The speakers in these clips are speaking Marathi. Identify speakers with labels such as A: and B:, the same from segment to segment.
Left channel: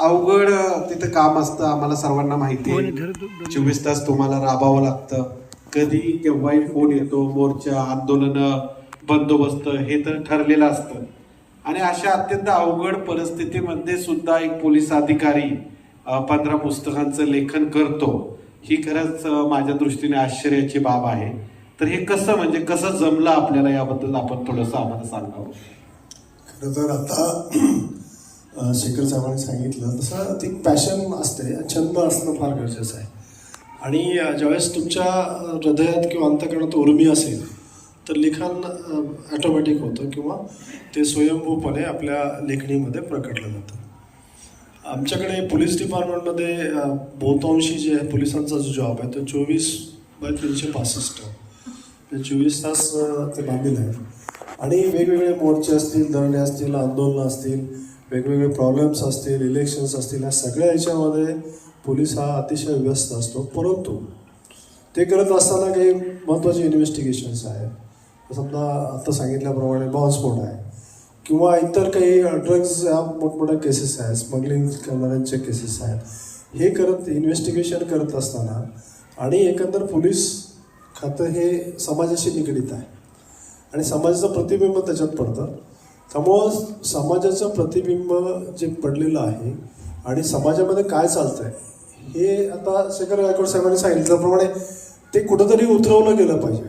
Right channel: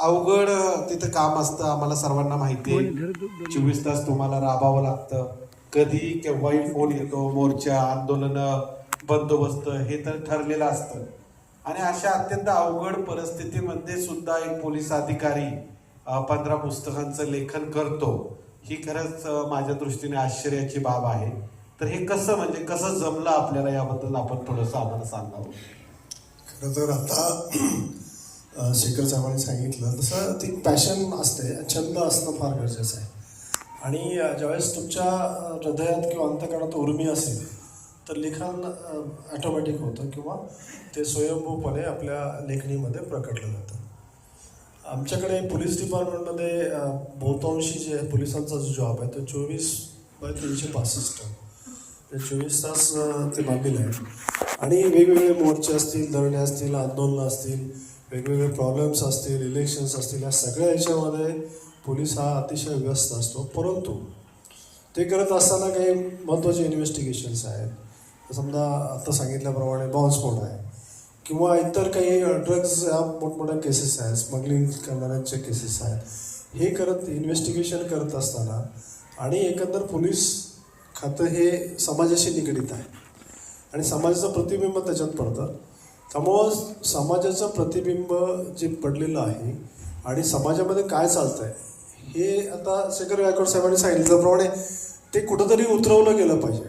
A: अवघड तिथं काम असतं आम्हाला सर्वांना माहिती आहे. चोवीस तास तुम्हाला राबावं लागतं. कधी केव्हाही फोन येतो मोर्चा आंदोलन बंदोबस्त हे तर ठरलेलं असतं. आणि अशा अत्यंत अवघड परिस्थितीमध्ये सुद्धा एक पोलीस अधिकारी पंधरा पुस्तकांचं लेखन करतो. ही खरंच माझ्या दृष्टीने आश्चर्याची बाब आहे. तर हे कसं म्हणजे कसं जमलं आपल्याला याबद्दल आपण थोडंसं आम्हाला सांगावं?
B: खरं तर आता शेखर साहेबांनी सांगितलं तसं ती पॅशन असते छंद असणं फार गरजेचं आहे. आणि ज्यावेळेस तुमच्या हृदयात किंवा अंतकरणात उर्मी असेल तर लिखाण ॲटोमॅटिक होतं किंवा ते स्वयंभूपणे आपल्या लेखणीमध्ये प्रकटलं जातं. आमच्याकडे पोलीस डिपार्टमेंटमध्ये बहुतांशी जे आहे पोलिसांचा जो जॉब आहे तो चोवीस बाय तीनशे पासष्ट. चोवीस तास ते बांधलेलं आहे. आणि वेगवेगळे मोर्चे असतील धरणे असतील आंदोलनं असतील वेगवेगळे प्रॉब्लेम्स असतील इलेक्शन्स असतील या सगळ्या याच्यामध्ये पोलीस हा अतिशय व्यस्त असतो. परंतु ते करत असताना काही महत्त्वाचे इन्व्हेस्टिगेशन्स आहेत. समजा आता सांगितल्याप्रमाणे बॉम्बस्फोट आहे. किंवा इतर काही ड्रग्ज ह्या मोठमोठ्या केसेस आहेत. स्मगलिंग करणाऱ्यांचे केसेस आहेत. हे करत इन्व्हेस्टिगेशन करत असताना आणि एकंदर पोलीस खातं हे समाजाशी निगडीत आहे. आणि समाजाचं प्रतिबिंब त्याच्यात पडतं. त्यामुळं समाजाचं प्रतिबिंब जे पडलेलं आहे आणि समाजामध्ये काय चालतं आहे हे आता शेखर गायकवाड साहेबांनी सांगितल्याप्रमाणे ते कुठंतरी उतरवलं गेलं पाहिजे.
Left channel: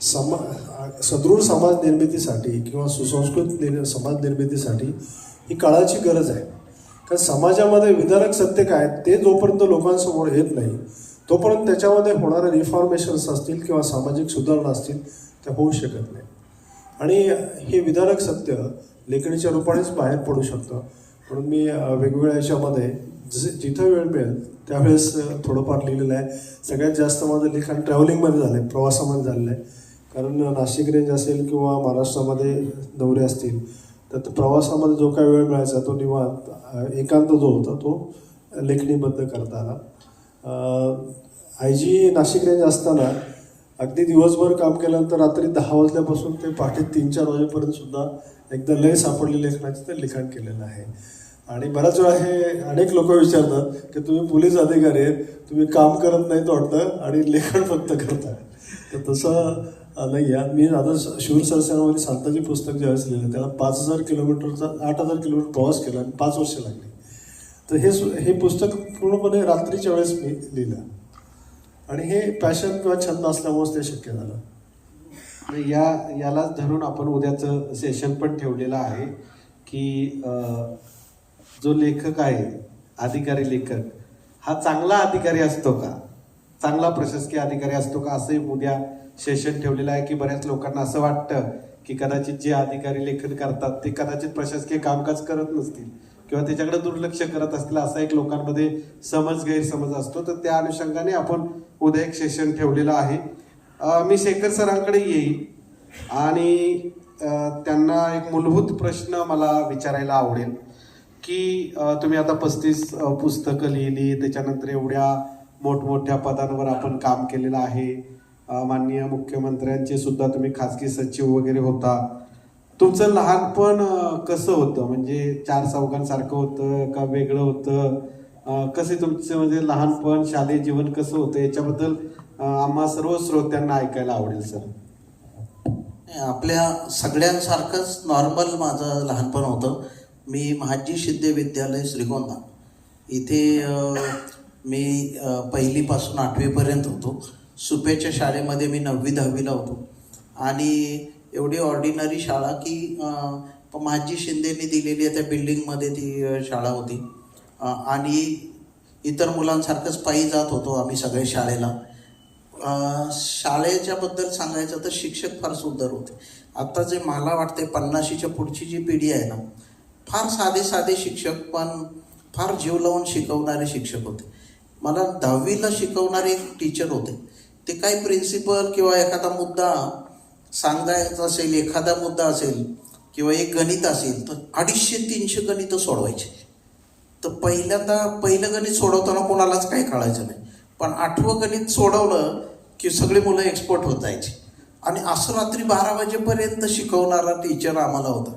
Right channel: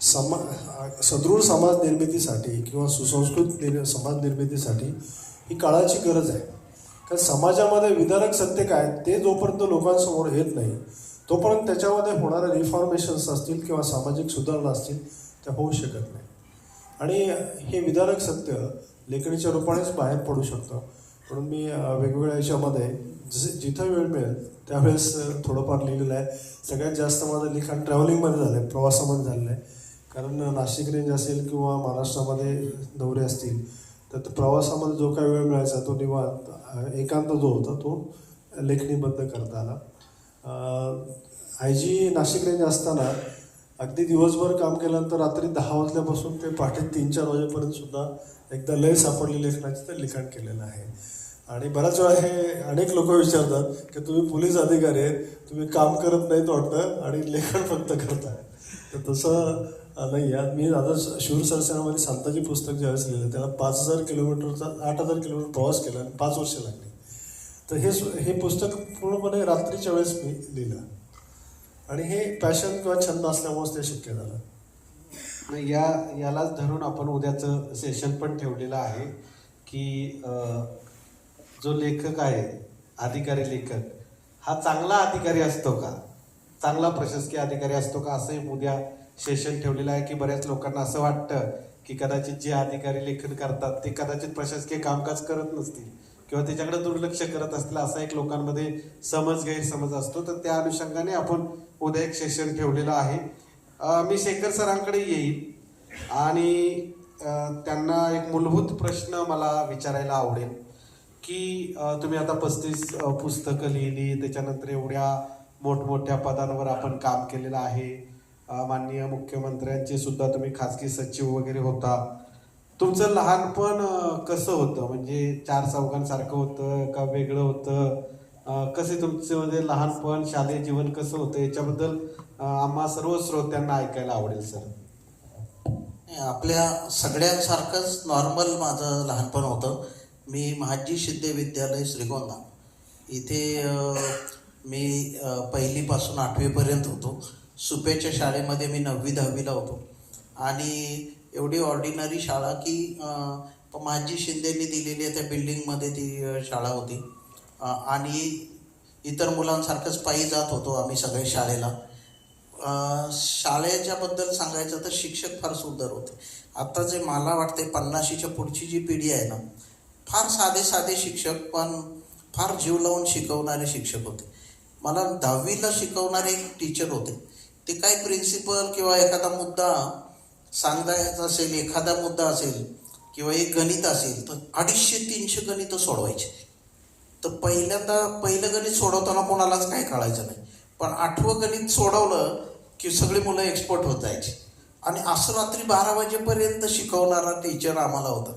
B: समा सदृढ समाज निर्मितीसाठी किंवा सुसंस्कृत निर् समाज निर्मितीसाठी ही काळाची गरज आहे. कारण समाजामध्ये विदारक सत्य काय ते जोपर्यंत लोकांसमोर येत नाही तोपर्यंत त्याच्यामध्ये होणारे रिफॉर्मेशन्स असतील किंवा सामाजिक सुधारणा असतील त्या होऊ शकत नाही. आणि हे विदारक सत्य लेखणीच्या रूपानेच बाहेर पडू शकतं. म्हणून मी वेगवेगळ्या याच्यामध्ये जसे जिथं वेळ मिळेल त्यावेळेस थोडंफार लिहिलेलं आहे. सगळ्यात जास्त माझं लिखाण ट्रॅव्हलिंगमध्ये झालं आहे प्रवासामध्ये झालेलं आहे. कारण नाशिक रेंज असेल किंवा महाराष्ट्रामध्ये दौरे असतील तर तो प्रवासामध्ये जो काही वेळ मिळायचा तो निवांत एकांत जो होता तो लेखणीबद्ध करता आला आय जी नाशिक रेंज असताना अगदी दिवसभर काम केल्यानंतर रात्री दहा वाजल्यापासून ते पहाटे तीन चार वाजेपर्यंत सुद्धा एकदा लय सापडली लेखनाचं ते लिखाण केलेलं आहे. आणि बऱ्याच वेळा हे अनेक लोक विचारतात की तुम्ही पोलीस अधिकारी आहेत तुम्ही काम करत नाहीत वाटतं आणि लेखन फक्त करताय. तर तसं नाही आहे मी आता शूर सरसेनामध्ये सांताची पुस्तक ज्यावेळेस लिहिलं त्याला पाच हजार किलोमीटरचा आठ हजार किलोमीटर प्रवास केला आणि पाच वर्ष लागली. तर हे सु- हे पुस्तक पूर्णपणे रात्रीच्या वेळेस मी लिहिलं. आणि हे पॅशन किंवा छंद असल्यामुळेच ते शक्य झालं.
A: या यालाच धरून आपण उद्याचं सेशन पण ठेवलेलं आहे की जो लेखक आहे अधिकारी लेखक हा चांगला अधिकारी असतो का? चांगला प्रशासकीय अधिकारी असतो का? असंही उद्या सेशन ठेवलेलं आहे की बऱ्याच लोकांना असं वाटतं की कदाचित जे अधिकारी लेखन करतात ते कदाचित प्रशासकीय कामकाज करत नसतील. किंवा त्याच्याकडे दुर्लक्ष करत असतील असा एक लोकांमध्ये समज गैरसमज असतो. तर त्या अनुषंगाने आपण उद्या एक सेशन ठेवलेलं आहे. मी शेखर सरांकडे येईल आणि त्यांना एक मूलभूत प्रश्न मला विचारायला आवडेल की तुम्ही आता पस्तीस पुस्तकं लिहिली त्याच्यानंतर एवढ्या मोठमोठ्या पदांवर आपण काम केलेलं आहे. माननीय मुख्यमंत्र्यांचे सुद्धा तुम्ही खाजगी सचिव वगैरे होता. तुमचं लहानपण कसं होतं? म्हणजे चार चौघांसारखं होतं का वेगळं होतं? कसे तुमचं म्हणजे लहानपण शालेय जीवन कसं होतं? याच्याबद्दल आम्हा सर्व श्रोत्यांना ऐकायला आवडेल सर.
C: आपल्या सगळ्यांसारखंच नॉर्मल माझं लहानपण होतं. मी महाजी शिंदे विद्यालय श्रीगोंदा. इथे मी पहिलीपासून आठवीपर्यंत होतो. सुपेच्या शाळेमध्ये मी नववी दहावीला होतो. आणि एवढी ऑर्डिनरी शाळा की माझी शिंदेनी दिलेली आहे त्या बिल्डिंगमध्ये ती शाळा होती. आणि इतर मुलांसारखंच पायी जात होतो आम्ही सगळे शाळेला. शाळेच्याबद्दल सांगायचं तर शिक्षक फार सुंदर होते. आता जे मला वाटते पन्नाशीच्या पुढची जी पिढी आहे ना फार साधे साधे शिक्षक पण फार जीव लावून शिकवणारे शिक्षक होते. मला दहावीला शिकवणारे एक टीचर होते. ते काही प्रिन्सिपल किंवा एखादा मुद्दा सांगायचा असेल एखादा मुद्दा असेल किंवा एक गणित असेल तर अडीचशे तीनशे गणित सोडवायचे. तर पहिल्यांदा पहिलं गणित सोडवताना कोणालाच काही कळायचं नाही. पण आठवं गणित सोडवलं की सगळी मुलं एक्सपर्ट होत जायची. आणि असं रात्री बारा वाजेपर्यंत शिकवणारा टीचर आम्हाला होता.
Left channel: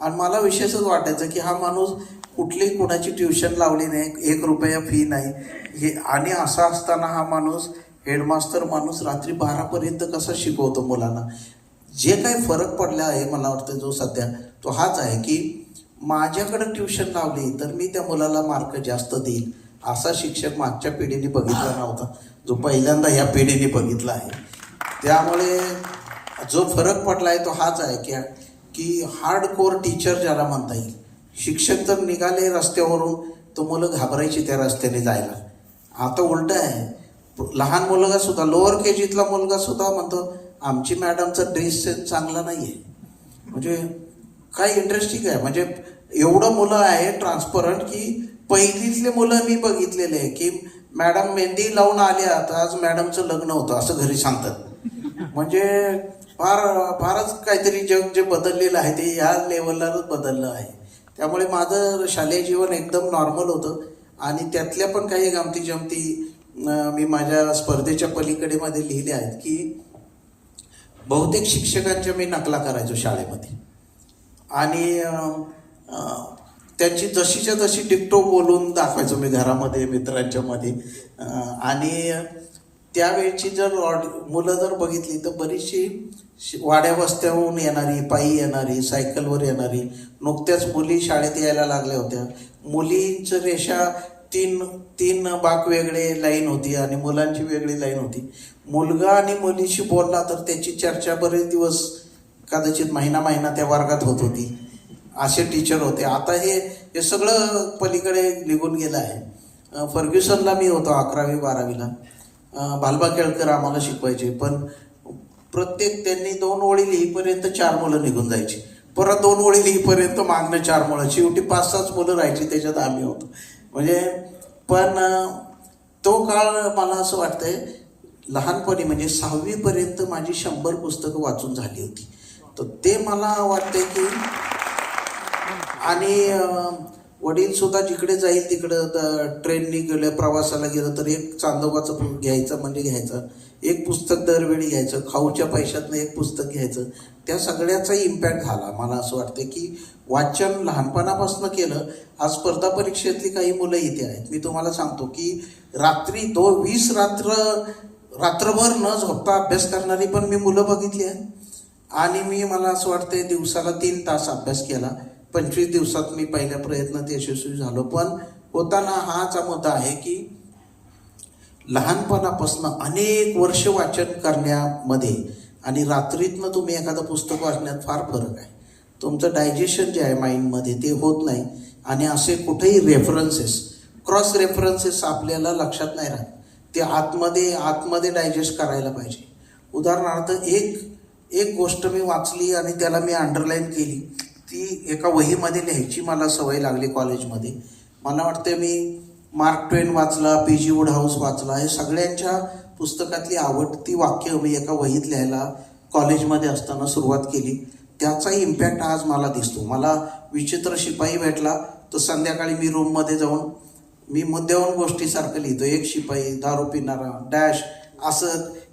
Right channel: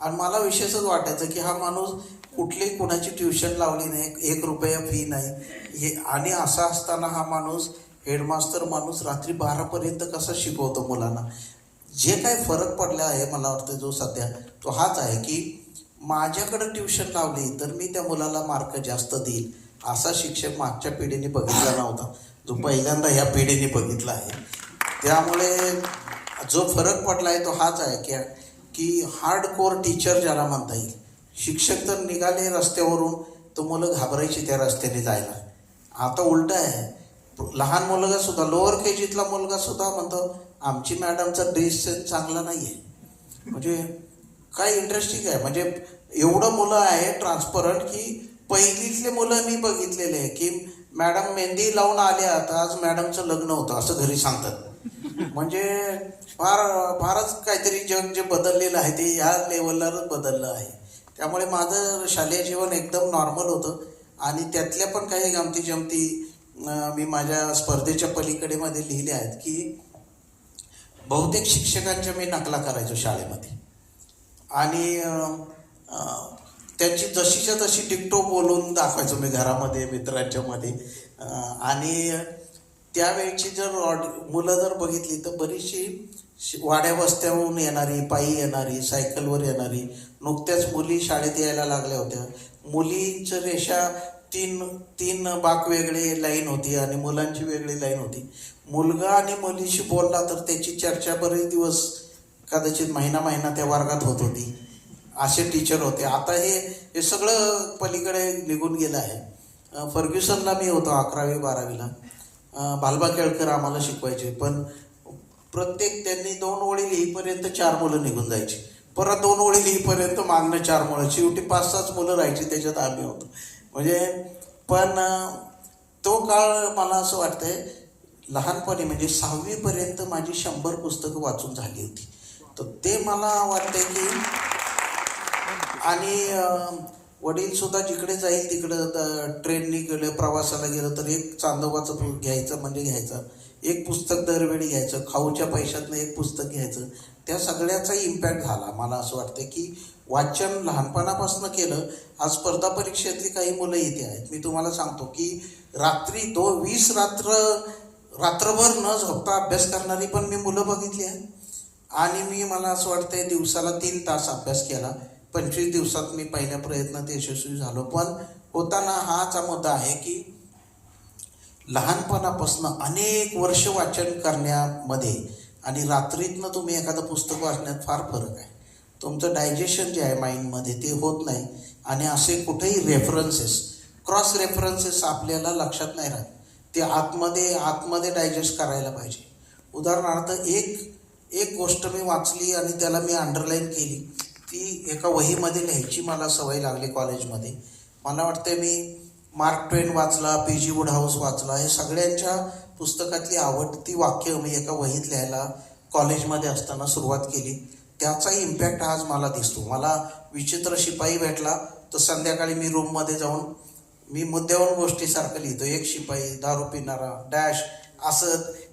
C: आणि मला विशेषच वाटायचं की हा माणूस कुठली कुणाची ट्युशन लावली नाही एक रुपया फी नाही. हे आणि असा असताना हा माणूस हेडमास्तर माणूस रात्री बारापर्यंत कसा शिकवतो मुलांना? जे काही फरक पडला आहे मला वाटतं जो सध्या तो हाच आहे की माझ्याकडे ट्युशन लावली तर मी त्या मुलाला मार्क जास्त देईल असा शिक्षक मागच्या पिढीने बघितला नव्हता. जो पहिल्यांदा ह्या पिढीने बघितला आहे. त्यामुळे जो फरक पडला आहे तो हाच आहे की की हार्ड कोर टीचर ज्याला म्हणता येईल शिक्षक तर निघाले रस्त्यावरून तर मुलं घाबरायची त्या रस्त्याने जायला. आता उलट आहे. लहान मुलगा सुद्धा लोअर के जीतला मुलगा सुद्धा म्हणतो आमची मॅडमचा ड्रेस सेन्स चांगला नाही आहे म्हणजे काय इंटरेस्टिंग आहे. म्हणजे एवढं मुलं आहे ट्रान्सपरंट की पहिलीतले मुलं मी बघितलेले आहे की मॅडम मेहंदी लावून आल्या तर आज मॅडमचं लग्न होतं असं घरी सांगतात. म्हणजे फार फारच काहीतरी जग जे बदललेलं आहे ते ह्या लेवललाच बदललं आहे. त्यामुळे माझं शालेय जीवन एकदम नॉर्मल होतं. आणि त्यातल्या पण काही गमती जमती मी माझ्या स्पर्धेच्या पलीकडे मध्ये लिहिल्या आहेत की बहुतेक शिक्षकांच्या मी नकला करायचो शाळेमध्ये. आणि त्यांची जशीच्या तशी टिकटो बोलून दाखवायचो मी घरामध्ये मित्रांच्या मध्ये. आणि त्यावेळची जर ऑड- मुलं जर बघितली तर बरीचशी शि- वाड्या वस्त्याहून येणारी पायी येणारी सायकलवर येणारी नुकत्याच मुली शाळेत यायला लागल्या होत्या. मुलींचं रेषा तीन तीन बाक वेगळे लाईन होती आणि मुलांची वेगळी लाईन होती. मुलगा आणि मुलीशी बोलला तर त्याची चर्चा बरेच दिवस कदाचित महिना महिना त्या वर्गात होत होती. असे टीचर होते. आता हे हे सगळं पलीकडे निघून गेलं आहे. फर्ग्युसनला मी होतो अकरावी बारावीला. भालबा केळकर आम्हाला शिकवायचे. पण प्रत्येक त्यांनी दोन ओळी लिहीपर्यंत चार मुलं निघून जायची. परत दोन ओळी लिहीपर्यंत मागणं चार मुलं. शेवटी पाच सहाच मुलं राहायची त्याच्यात आम्ही होतो. म्हणजे पण तो काळ मला असं वाटतंय लहानपणी म्हणजे सहावीपर्यंत माझी शंभर पुस्तकं वाचून झाली होती. तर ते मला वाटतंय की आणि वडील सुद्धा जिकडे जाईल तिकडं द- ट्रेननी गेलं प्रवासाला गेलं तर एक चांदोबाचं पु- घ्यायचं म्हणजे घ्यायचं. एक पुस्तक दरवेळी घ्यायचं खाऊच्या पैशातनं एक पुस्तक घ्यायचं. त्या सगळ्याचा इम्पॅक्ट झाला. मला असं वाटतं की वाचन लहानपणापासून केलं आज स्पर्धा परीक्षेतली काही मुलं इथे आहेत. मी तुम्हाला सांगतो की रात्री दो वीस रात्र रात्रभर न झोपता अभ्यास करणारी पण मी मुलं बघितली आहेत. आणि मी मला असं वाटतंय दिवसाला तीन तास अभ्यास केला. पंचवीस दिवसात मी पहिल्या प्रयत्नात यशस्वी झालो. पण होताना हाच मुद्दा आहे की लहानपणापासून अनेक वर्ष वाचन करण्यामध्ये आणि रात्रीतनं तुम्ही एखादं पुस्तक वाचण्यात फार फरक आहे. तुमचं डायजेशन जे आहे माइंडमध्ये ते होत नाही आणि असे कुठेही रेफरन्सेस क्रॉस रेफरन्सेस आपल्याला लक्षात नाही राहत. ते आतमध्ये आतमध्ये डायजेस्ट करायला पाहिजे. उदाहरणार्थ एक एक गोष्ट मी वाचली आणि त्याला मी अंडरलाईन केली. ती एका वहीमध्ये लिहायची मला सवय लागली कॉलेजमध्ये. मला वाटते मी मार्क ट्वेन वाचला पी जी वुड हाऊस वाचला हे सगळ्यांच्या पुस्तकातली आवडती वाक्य मी एका वहीत लिहायला कॉलेजमध्ये असताना सुरुवात केली. त्याचाही इम्पॅक्ट आज मला दिसतो. मला विचित्र शिपाई भेटला. तर संध्याकाळी मी रूममध्ये जाऊन मी मुद्द्यावर गोष्टीसारखं लिहितो एक शिपाई दारू पिणारा डॅश असं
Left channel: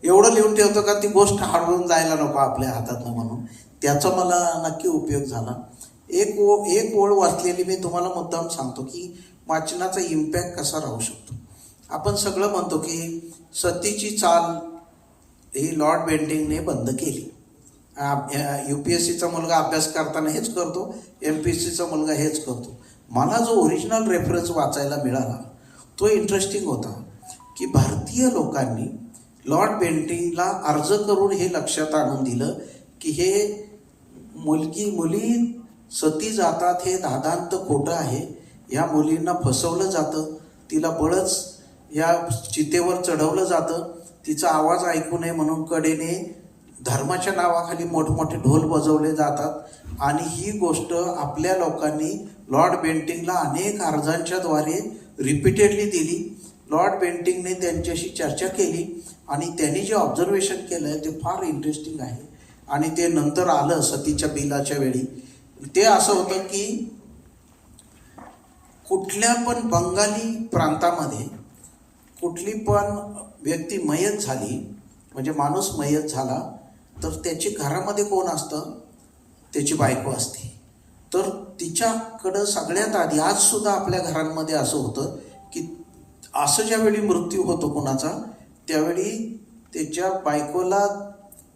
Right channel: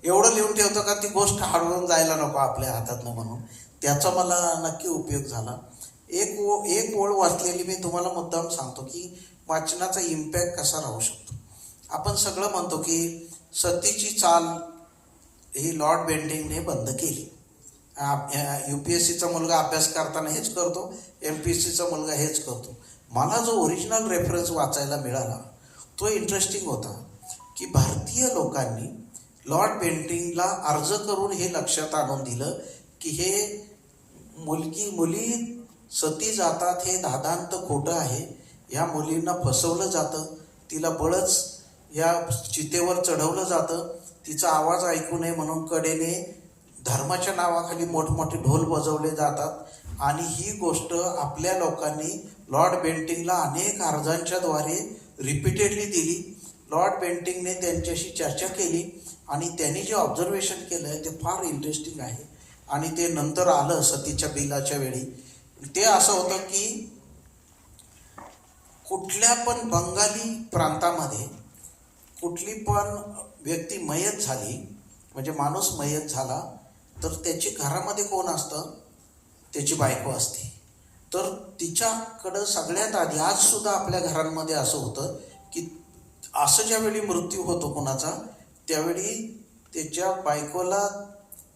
C: एवढं लिहून ठेवतो का ती गोष्ट हरवून जायला नको आपल्या हातातनं म्हणून. त्याचा मला नक्की उपयोग झाला. एक ओ एक ओळ वाचलेली मी तुम्हाला मुद्दाम सांगतो की वाचनाचा इम्पॅक्ट कसा राहू शकतो. आपण सगळं म्हणतो की सतीची चाल ही लॉर्ड बेंडिंगने बंद केली. यू पी एस सीचा मुलगा अभ्यास करताना हेच करतो एम पी एस सीचा मुलगा हेच करतो. मला जो ओरिजिनल रेफरन्स वाचायला मिळाला तो इंटरेस्टिंग होता की भारतीय लोकांनी लॉर्ड बेंटिंगला अर्ज करून हे लक्षात आणून दिलं की हे मुलगी मुली सती जातात हे दादांत खोटं आहे. या मुलींना फसवलं जातं. तिला बळच या चितेवर चढवलं जातं. तिचा आवाज ऐकू नये म्हणून कडेने धर्माच्या नावाखाली मोठमोठे ढोल बजवले जातात. आणि ही गोष्ट आपल्या लोकांनी लॉर्ड बेंटिंगला अनेक अर्जांच्याद्वारे रिपीटेडली दिली. लॉर्ड बेंटिंगने त्यांच्याशी चर्चा केली आणि त्यांनी जे ऑब्झर्वेशन केलं आहे ते फार इंटरेस्टिंग आहे. आणि ते नंतर आलं सतीच्या बिलाच्या वेळी. ते असं होतं की कुठल्या पण बंगाली प्रांतामध्ये कुठली पण व्यक्ती मयत झाली म्हणजे माणूस मयत झाला तर त्याची घरामध्ये कोण असतं? त्याची बायको असते. तर तिच्याकडं सगळ्यात आधी आजसुद्धा आपल्या घरांमध्ये असं होतं की असं ज्यावेळी मृत्यू होतो कोणाचा त्यावेळी त्याच्या बायकोला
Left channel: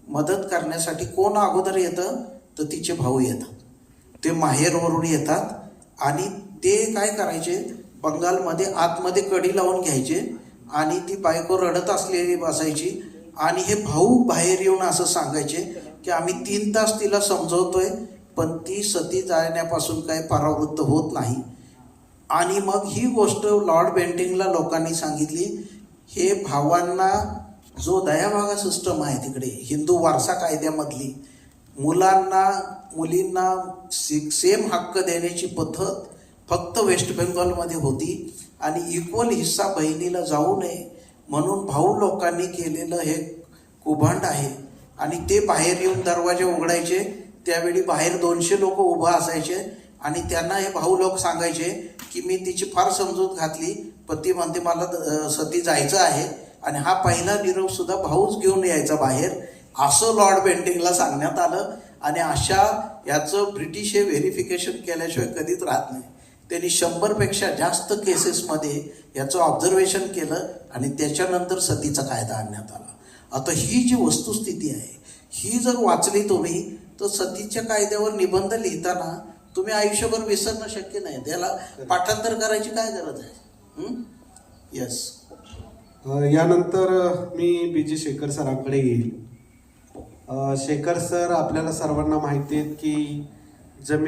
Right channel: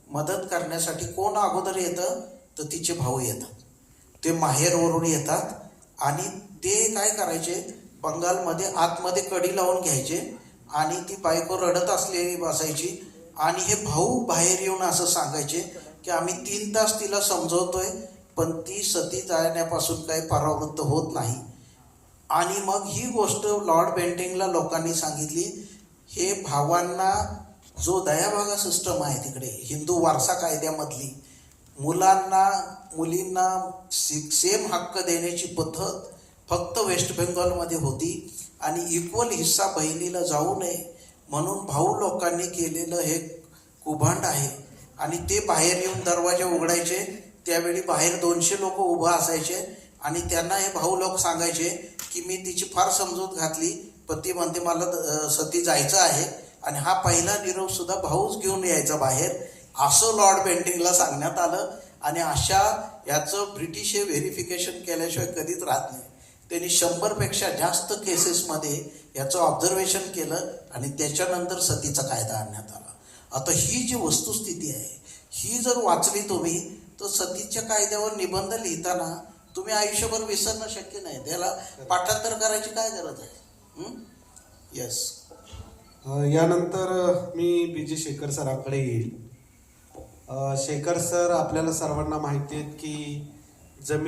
C: मदत करण्यासाठी कोण अगोदर येतं? तर तिचे भाऊ येतात. ते माहेरवरून येतात आणि ते काय करायचे? बंगालमध्ये आतमध्ये कडी लावून घ्यायचे आणि ती बायको रडत असलेली बसायची आणि हे भाऊ बाहेर येऊन असं सांगायचे की आम्ही तीन तास तिला समजवतोय पण ती सती जाण्यापासून काही परावृत्त होत नाही. आणि मग ही गोष्ट लॉर्ड बेंटिंगला लोकांनी सांगितली हे भावांना जो दयाभागा सिस्टम आहे तिकडे हिंदू वारसा कायद्यामधली मुलांना मुलींना सेम हक्क देण्याची पद्धत फक्त वेस्ट बेंगॉलमध्ये होती आणि इक्वल हिस्सा बहिणीला जाऊ नये म्हणून भाऊ लोकांनी केलेलं हे कुभांड आहे. आणि ते बाहेर येऊन दरवाजे उघडायचे त्यावेळी बाहेर दोनशे लोक उभं असायचे आणि त्यांना हे भाऊ लोक सांगायचे की मी तिची फार समजूत घातली पण ती म्हणते मला सती जायचं आहे. आणि हा पहिला निरोप सुद्धा भाऊच घेऊन यायचा बाहेर असं लॉर्ड बेंटिंगला सांगण्यात आलं. आणि अशा याचं ब्रिटिश हे व्हेरिफिकेशन केल्याशिवाय कधीच राहत नाही. त्यांनी शंभरपेक्षा जास्त केसेसमध्ये याचं ऑब्झर्वेशन केलं आणि त्याच्यानंतर सतीचा कायदा आणण्यात आला. आता ही जी वस्तुस्थिती आहे ही जर वाचली तुम्ही तर सतीच्या कायद्यावर निबंध लिहिताना तुम्ही आयुष्यभर विसरणं शक्य नाही. त्याला पाठांतर करायची काय गरज आहे? येस
A: यानंतर मी बी जी. शेखर सरांकडे येईल. शेखर सर आपल्याला सर्वांना माहिती आहेत की जमीन